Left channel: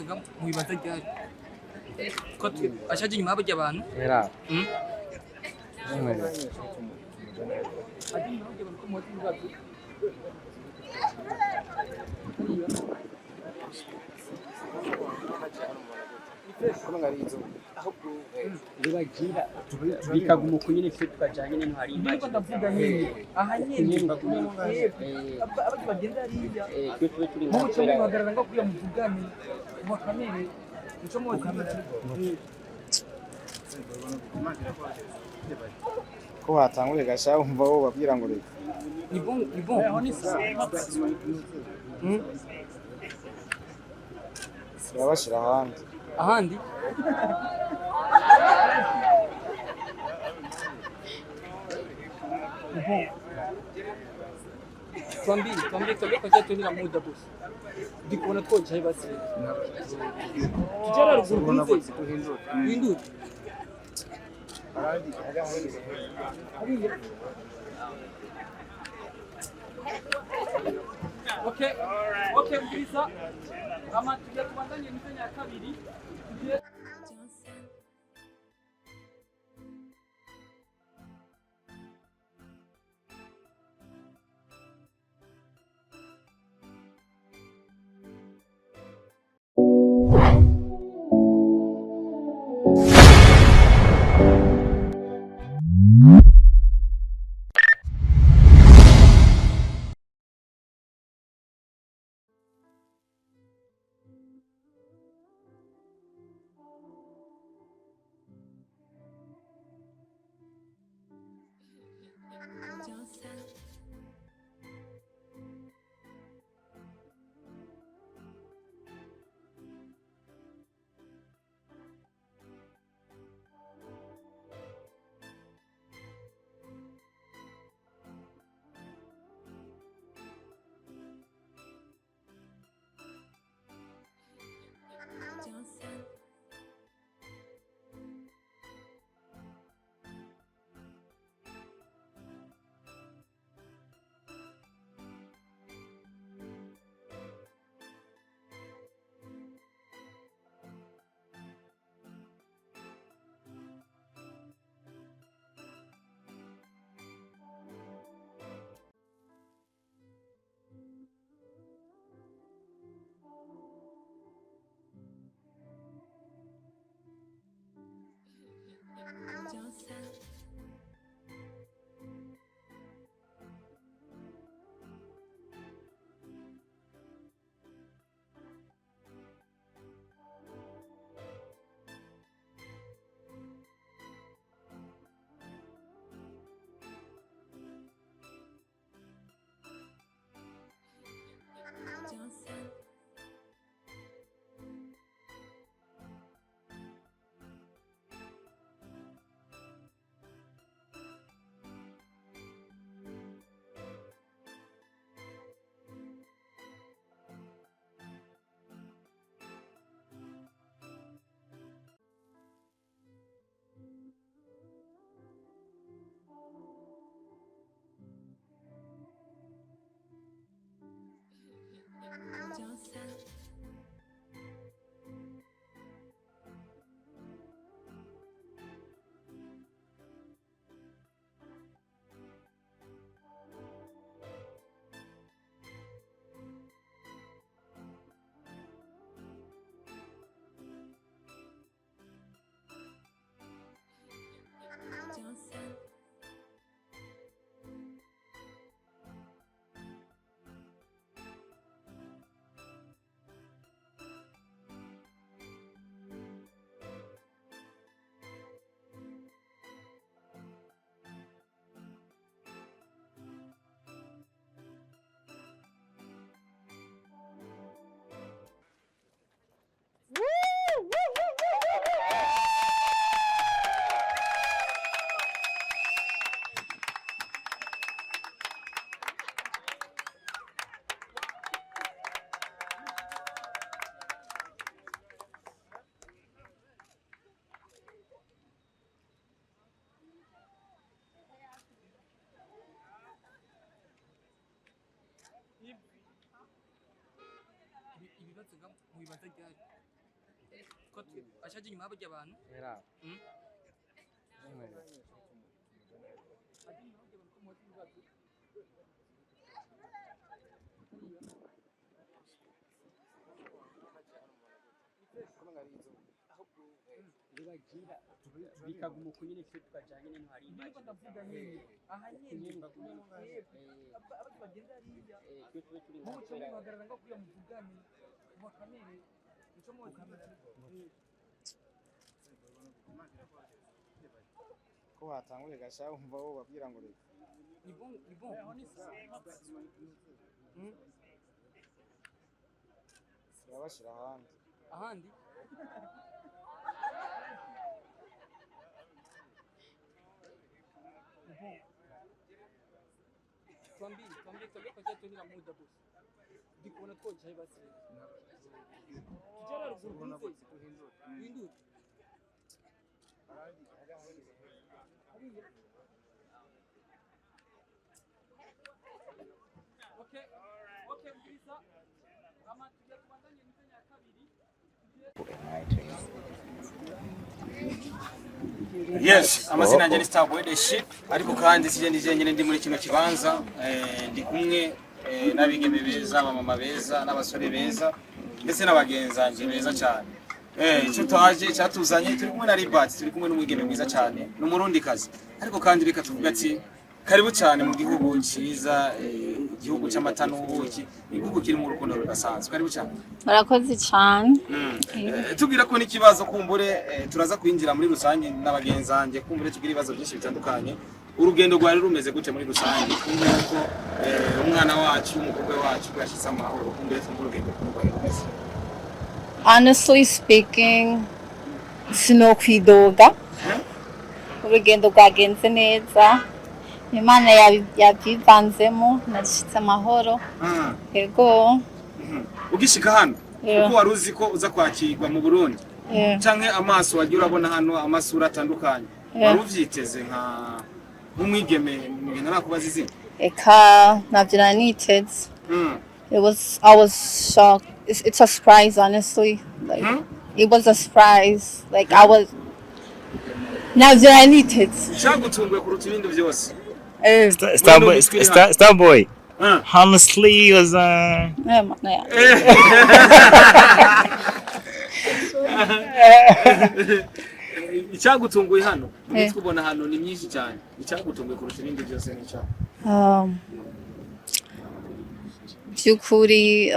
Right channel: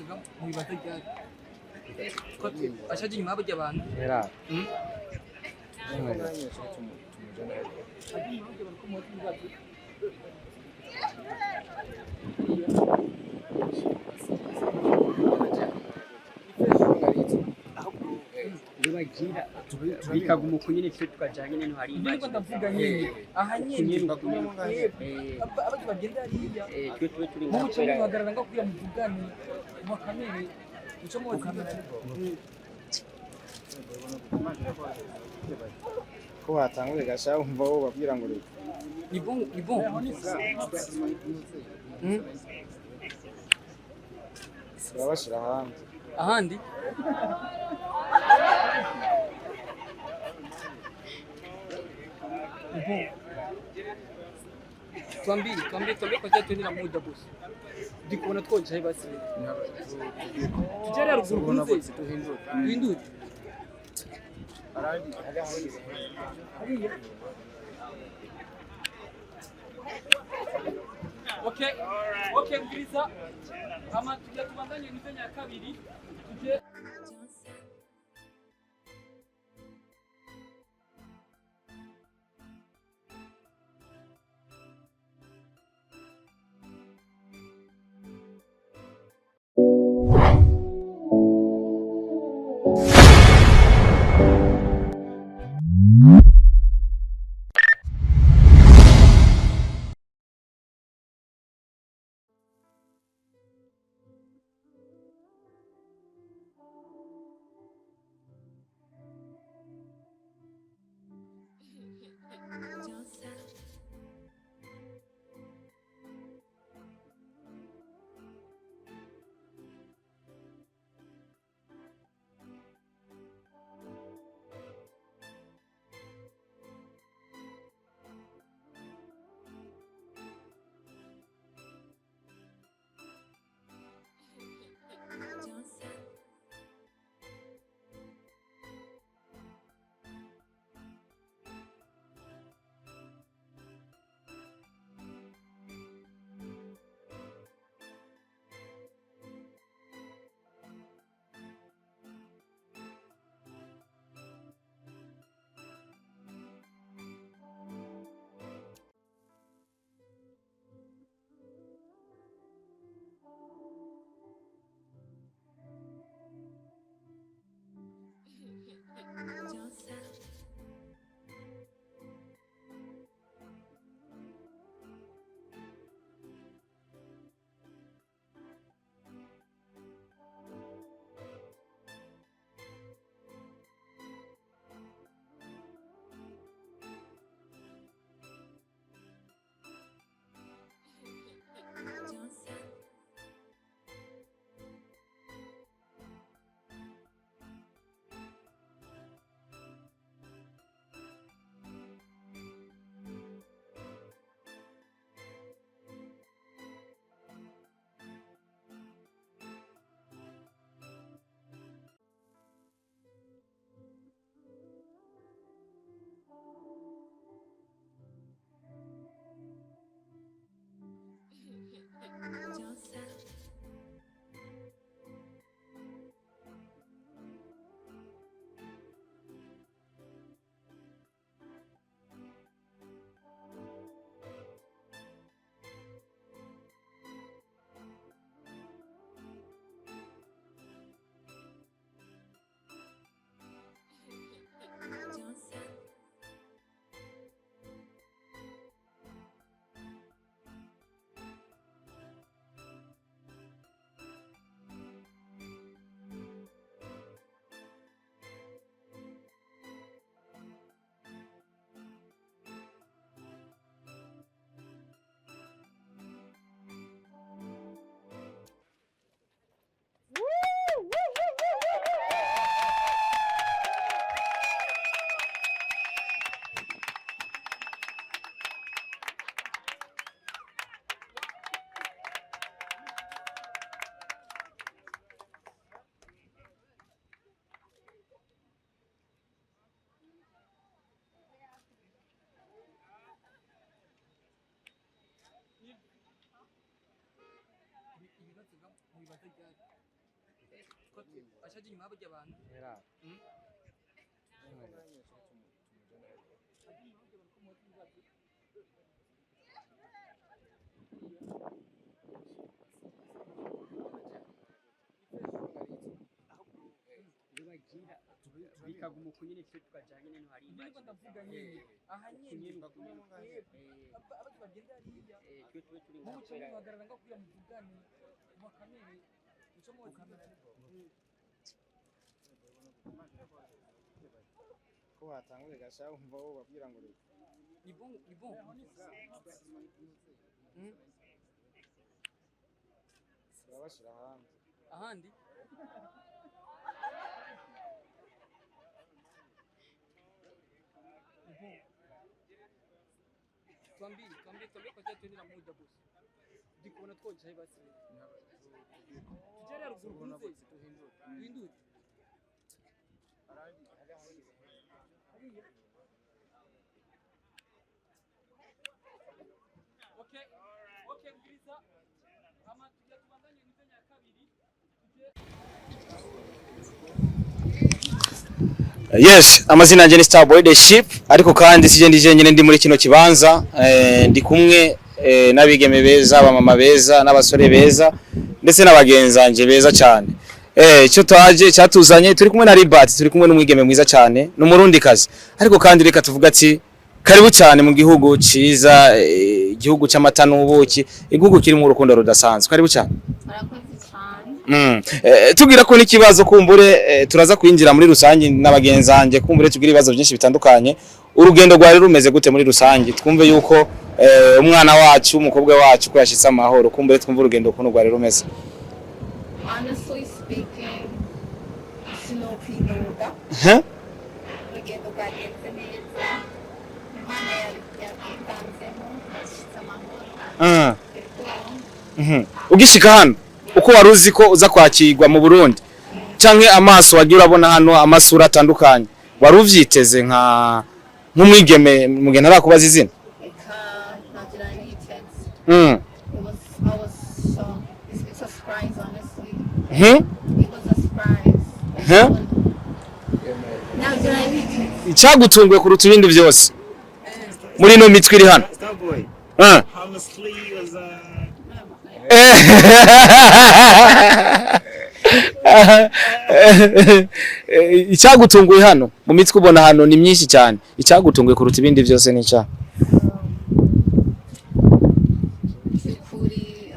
ibibazo mu bibazo ryari ko ashaje nyuma y'abajya abantu era bibagira bikaguma uko nyine twe tukajyanye n'intwari niko ndavuga nyine aha nyine abajya bagenda hariya twe turi mu muco muhagarara ngo kuya muvugane mu kamere muco mu kamera ko watanguye gasha umva wo babwira ngo reka ni bon yabashira ahandi tuambie kwa sababu tuna muda boss ndikubona twocaye basi tujara ruguru kunze hinduka arandi hariya okay mbisa kama tujya tubandanye mizenya ya kabiri ibibazo mu bibazo ryari ko ashaje nyuma y'abajya abantu bikaguma uko nyine twe tukajyanye n'intu hari niko ndavuga nyine aha nyine abajya bagenda hariya twe turi mu cyo muhagarara ngo kuya muvugane mu kamere cyo mu kamera ko watanguye gasha umva wo babwira ngo reka ni bon turabashira ahandi tuambie kwa kitu nina muda boss ndikubona twocaye basi tujere ruguru hindu okay mkirisa kama tujya tubandanye mtenya ya kabiri Yes, amazina yanjye ni Starboy the Ship, ariko kandi sije ndije nyine ndi muri kino kibanza ndi kumwe n'abigeme beza, abamama beza, n'abasore beza ndetse n'abagenzanje beza cyane. Cyo twaje cyatuzanye turi kumwe na LIBERT, turi kumwe n'umwigeme mwiza cyane n'umurundi kazi. Ariko kandi reka tuvuga ati karibu cyane mu gihugu ciza, igihugu cy'amata n'ubuki, igihugu kiri mu rukundo rudasanzwe. Karibu cyane. Barakoze cyane. Tugira ko n'ikibazo kumbure turaza kwinjira muri rusange n'abagenzanje kumbure tugira ibibazo byinshi bitandukanye. Urugendo rwari rumeze gute muri rusange? Twumve yuko umwana wacu, umukobwa wacu ko yashitse amahoro, kumbure twumve urugendo ukuntu rwari rumeze. Honestly speaking, sinokwidoga. Urugendo rwagenze neza. Imana yabyivanzemo nashitse amahoro. Yego. Ugishika hano uko wari uzi ko uza kwakirwa mu Burundi canke amaso wagira urabona hano amasura atandukanye wari uvyiteze nk'umwigeme mugenda arakubaza izina eka navyira niteze. I was shocked. It's a surprise, honestly. It was a surprise. Like I was navyira niteze. Cyagutunguye kuruta ibindi byose muri no mitwe iri hano. Starboy. Honestly, was icyagutunguye hano mu mitwe ubona hano ni myinshi cyane. Icyagutunguye kuruta ibindi byose ni cya byukuri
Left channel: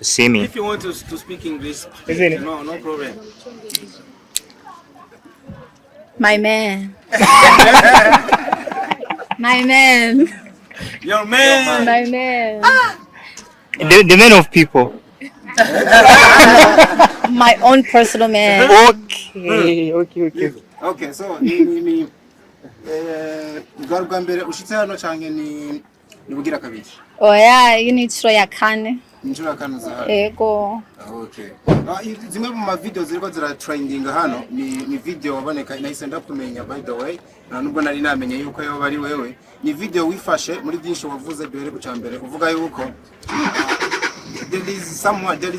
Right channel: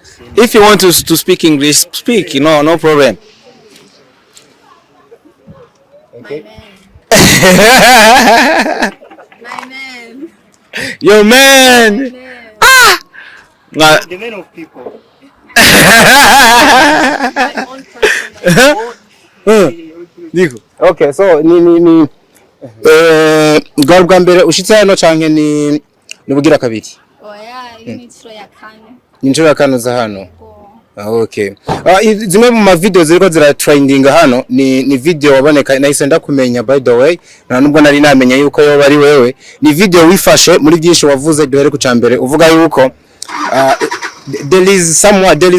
see me. If you want to speak English, speak. No problem. my man. My man. Your man. My man. The man of people. My own personal man. Okay, so ni bwa mbere ushitse hano canke ni bugira kabiri? Oya, iyi ni inshuro ya kane. Inshuro ya kane za hano. Yego. Okay. Zimwe mu ma video ziriko zira trending hano ni video waboneka nahise ndakumenya by the way. Na nubwo nari namenya yuko yo bari wewe. Ni video wifashe muri byinshi wavuze duhere ku cambere uvuga yuko there is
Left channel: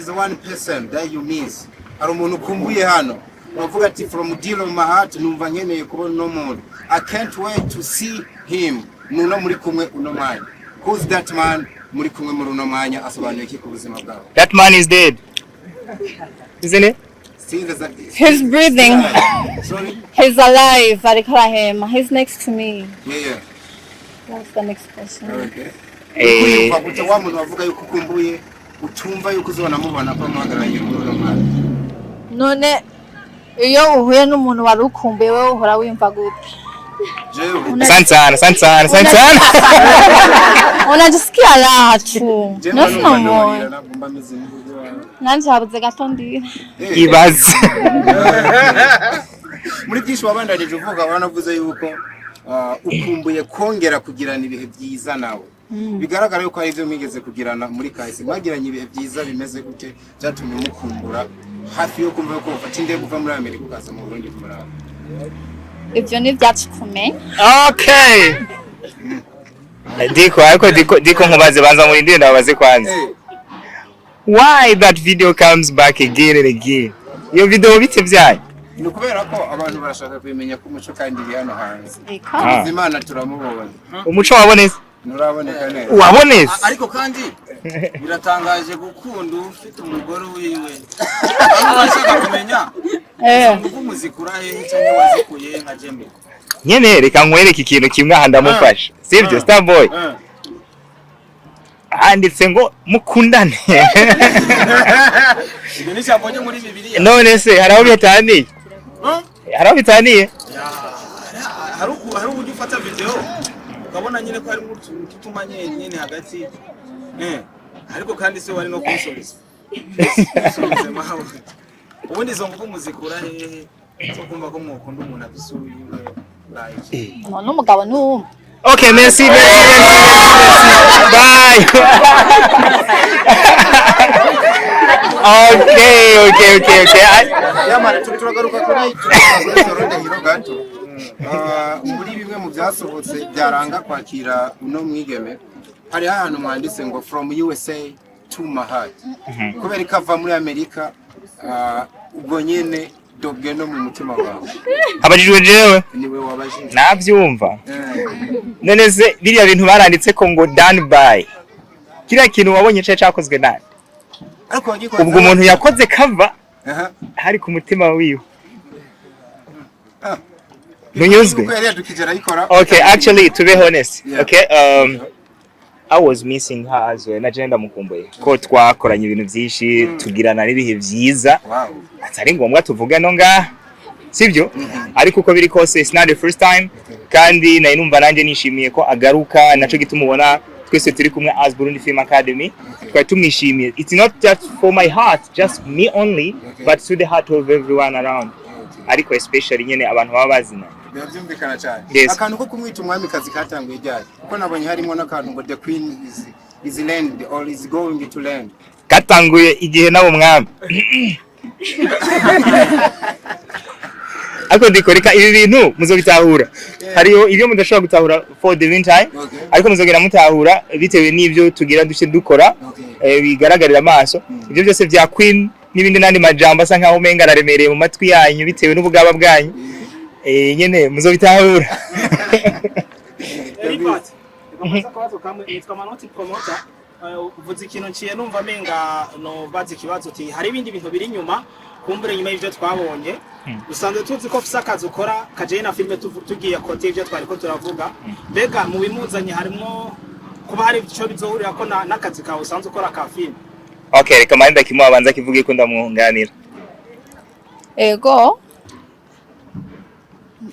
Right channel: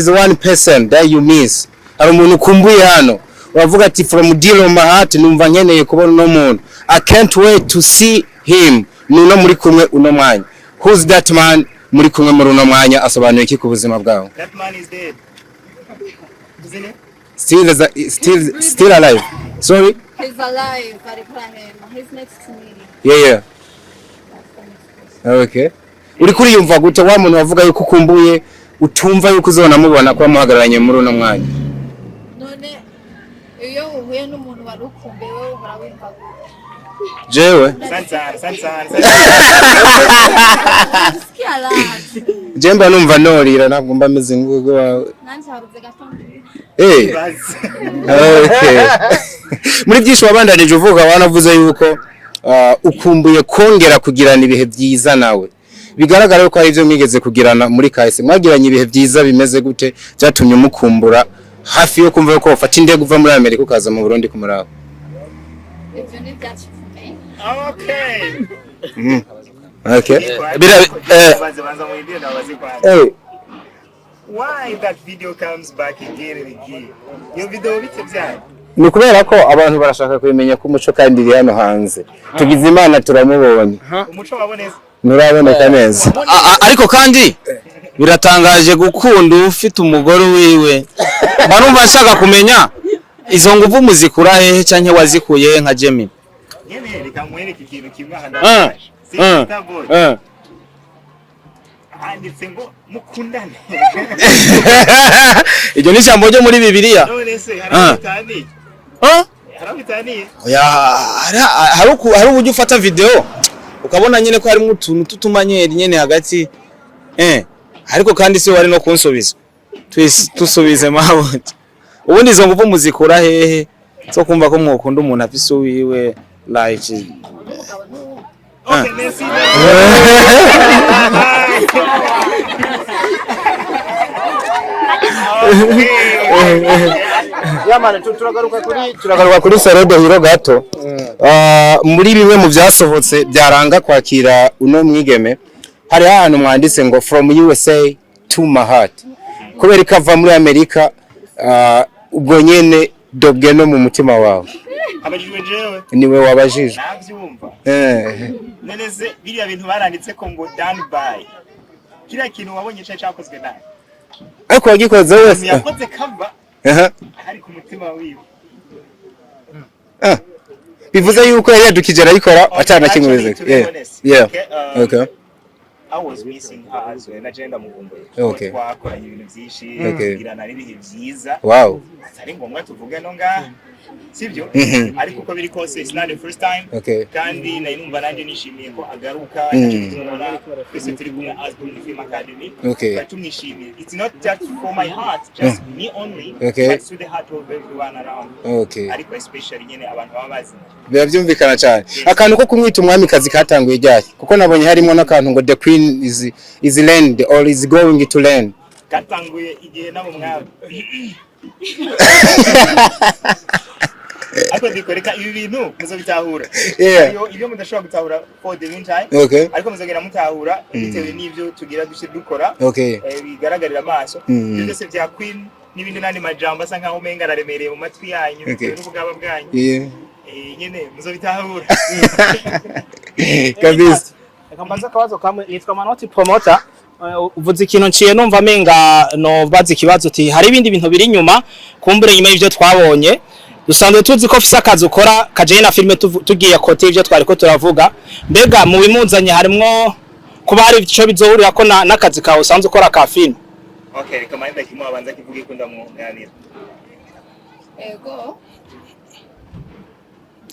one person that you miss. Hari umuntu ukumbuye hano. Wavuga ati from deal of my heart numva nkeneye kubona no muntu. I can't wait to see him. Nuno muri kumwe uno mwanya. Who's that man? Muri kumwe muri uno mwanya asobanuye iki ku buzima bwawe? That man is dead. Isn't it? Still alive. Sorry? He's alive. Arikarahema. He's next to me. Yeah. That's the next question. Okay. Uri kuri yumva gute wa muntu wavuga yuko ukumbuye utumva yuko uzona mubona kwa muhagararanye muri uno mwanya? None iyo uhuye n'umuntu wari ukumbuye wewe uhora wimva gute? Jewe Sana. Unajisikia raha tu. Jemba numva norira ntabwo mba meze ngugo wawe. Nanje habuze gato ndira. Ibaze. Okay. Muri byinshi wabandanije uvuga wanavuze yuko ukumbuye kongera kugirana ibihe byiza nawe. Bigaragara ko hari ivyo mwigeze kugirana muri kahise. Mwagiranye ibihe byiza bimeze gute byatumye mukumbura hafi yo kumva ko ufata indege uva muri Amerika ukaza mu Burundi kumuraba? Ibyo ni byacu kumenya. Okay. Okay. Diko mubaze banza muri ndende abaze kwanza. why that video comes back again and again? Iyo video bite byayo? Ni kubera ko abantu barashaka kubimenya ko umuco kandi iri hano hanze. Tugize Imana turamubonye. Umuco waboneze? Nuraboneka neza. Waboneze? Ariko kandi biratangaje gukunda ufite umugore wiwe. Barumva ashaka kumenya izo nguvu muzikura hehe canke wazikuye nka Gemini. Nyene reka nkwereke ikintu kimwe handamufasha. Sir Starboy. Handitse ngo mukundane. Iryo ni jambo ryo muri Bibiliya. None se haraho bitaniye? Haraho bitaniye? Ya hari uburyo ufata video ukabona nyene ko harimo utuntu tutumanyeri nyene hagati. Ariko kandi se wari no kunsubiza. Tusubize mabuti. Ubundi izo nguvu muzikura hehe? So kumva ko mwokunda umuntu afise uwiwe like. No mugabo n'umwe. Okay, merci. Bye. Okay. Yamana turagaruka kuri Saredo Hiro gato. Muri bimwe mu byasohotse byaranga kwakira uno mwigeme. Hari ahantu mwanditse ngo from USA to my heart. Kubera ikava muri Amerika ubwo nyene dobwe no mu mutima wawe. Abajijwe jewe Niwe wabajije. Navyumva. None se biriya bintu baranditse ko ngo done by. Kira kintu wabonye cyakozwe nani? Ariko wagikoze umuntu yakoze cover. Hari ku mutima wiwe. Bivuze yuko yari yadukije arayikora. Actually to be honest. Yeah. Okay. I was missing her as well. Nagenda mukumbuye. Ko twakoranye ibintu byinshi, tugirana n'ibihe byiza. Wow. Atari ngombwa tuvuge no nga. Sibyo? Ariko uko biri kose it's not the first time. Okay. Kandi na inumva nanje nishimiye ko agaruka naco gitumubona twese turi kumwe as Burundi Film Academy. Kwa tumwishimiye. It's not just for my heart, just me only, but to the heart of everyone around. Ariko especially nyene abantu baba bazina. Byavyumvikana cyane. Akantu ko kumwita umwamikazi katanguye ryari kuko nabonye harimo n'akantu ngo the queen is land or is going to land. Katanguye igihe nabo mwami. Ariko ndikoreka ibi bintu muzobitahura. Ariyo ibyo mudashobora gutahura for the meantime. Ariko muzogera mutahura bitewe n'ibyo tugira duce dukora. Bigaragarira amaso. Ibyo byose bya queen n'ibindi nandi majambo asa nkaho umenga araremereye mu matwi yanyu bitewe n'ubugaba bwanyu. Nyene muzobitahura. Kabisa. Kambaza kabazo kamwe nitwa Manoti promoter. Uvuze ikintu nciye numva menga no bazi kibazo uti hari ibindi bintu biri nyuma kumbure nyuma y'ivyo twabonye dusanzwe tuzi ko fisa akazi ukora kaje na filme tugiye kote ivyo twari ko turavuga mbega mu bimunzanye harimo kuba hari ico bizohurira ko nakazi kawe usanzwe ukora ka filme. Okay, reka manda kimwe abanza kivuge ko ndamwunganira. Ego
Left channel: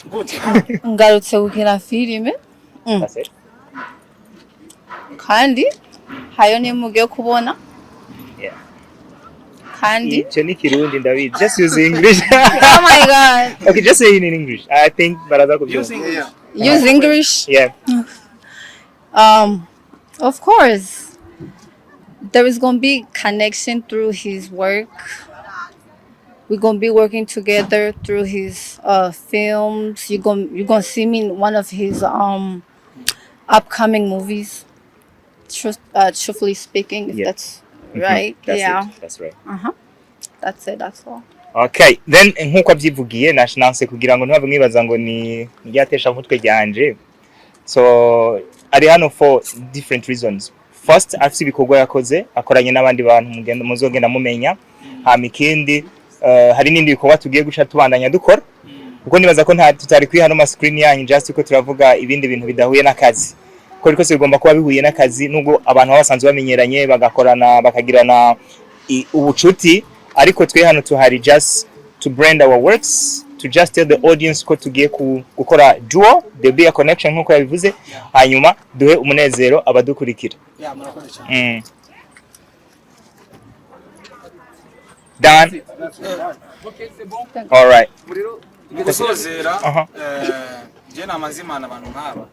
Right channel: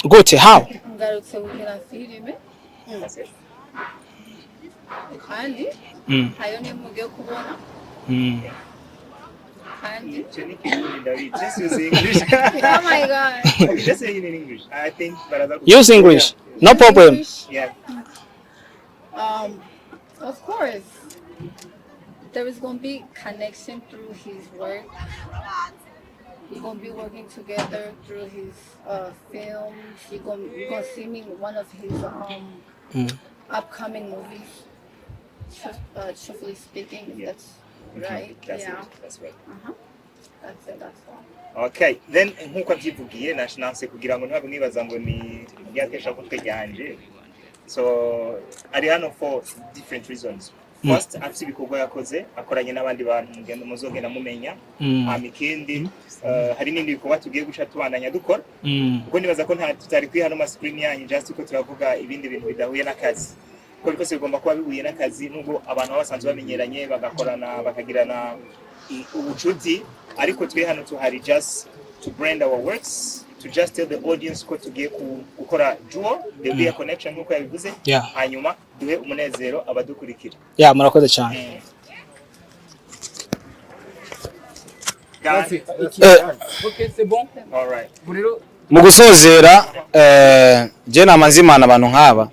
gute ha ngarutse gukina filme kandi hayo ni mugiye kubona. Kandi ico ni Kirundi David, just use English. Oh my god. Okay, just say it in English. I think baraza ko use English. No Use problem. English. Yeah. Of course there is going to be connection through his work. We're going to be working together through his films. You're going to see me in one of his upcoming movies. Truthfully speaking, if that's right. That's right. That's it. That's all. Okay, then nkuko abyivugiye nashinanse kugira ngo ntabwo mwibaza ngo ni ryatesha mutwe ryanje. So ari hano for different reasons. First, afite ibikorwa yakoze akoranye n'abandi bantu muzogenda mumenya. Ikindi hari n'indi bikorwa tugiye guca tubandanya dukora. Kuko nibaza ko tutari kuri hano ma screen yanyu just uko turavuga ibindi bintu bidahuye n'akazi. Ko riko bigomba kuba bihuye n'akazi nubwo abantu basanzwe bamenyeranye bagakorana bakagirana ubucuti, ariko twe hano tuhari just to brand our works, to just tell the audience ko tugiye gukora duo, the be a connection nkuko yabivuze, hanyuma duhe umunezero abadukurikira. Murakoze cyane. Dan. Okay, c'est bon. All right. Mu gusozera je namanzimana abantu nkaba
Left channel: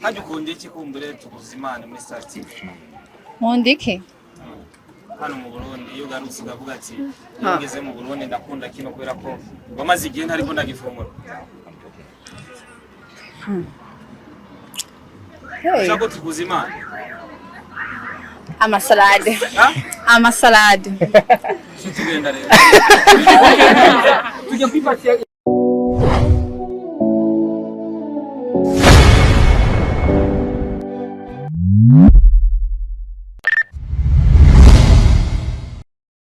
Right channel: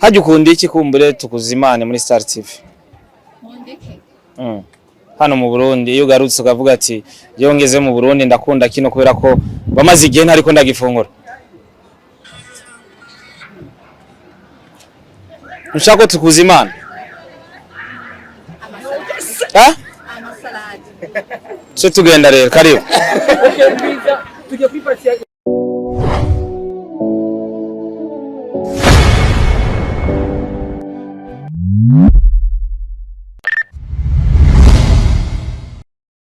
hajya ukunda iki kumbure tukuzimane muri Star TV? Mondike. Hano mu Burundi iyo garutse ukavuga ati je ngeze mu Burundi ndakunda kino kubera ko bamaze igihe ntari ko ndagifungura. Ushaka tukuzimana? Amasalade. Ha? amasalade so tugenda rero karibu tujya kwifatira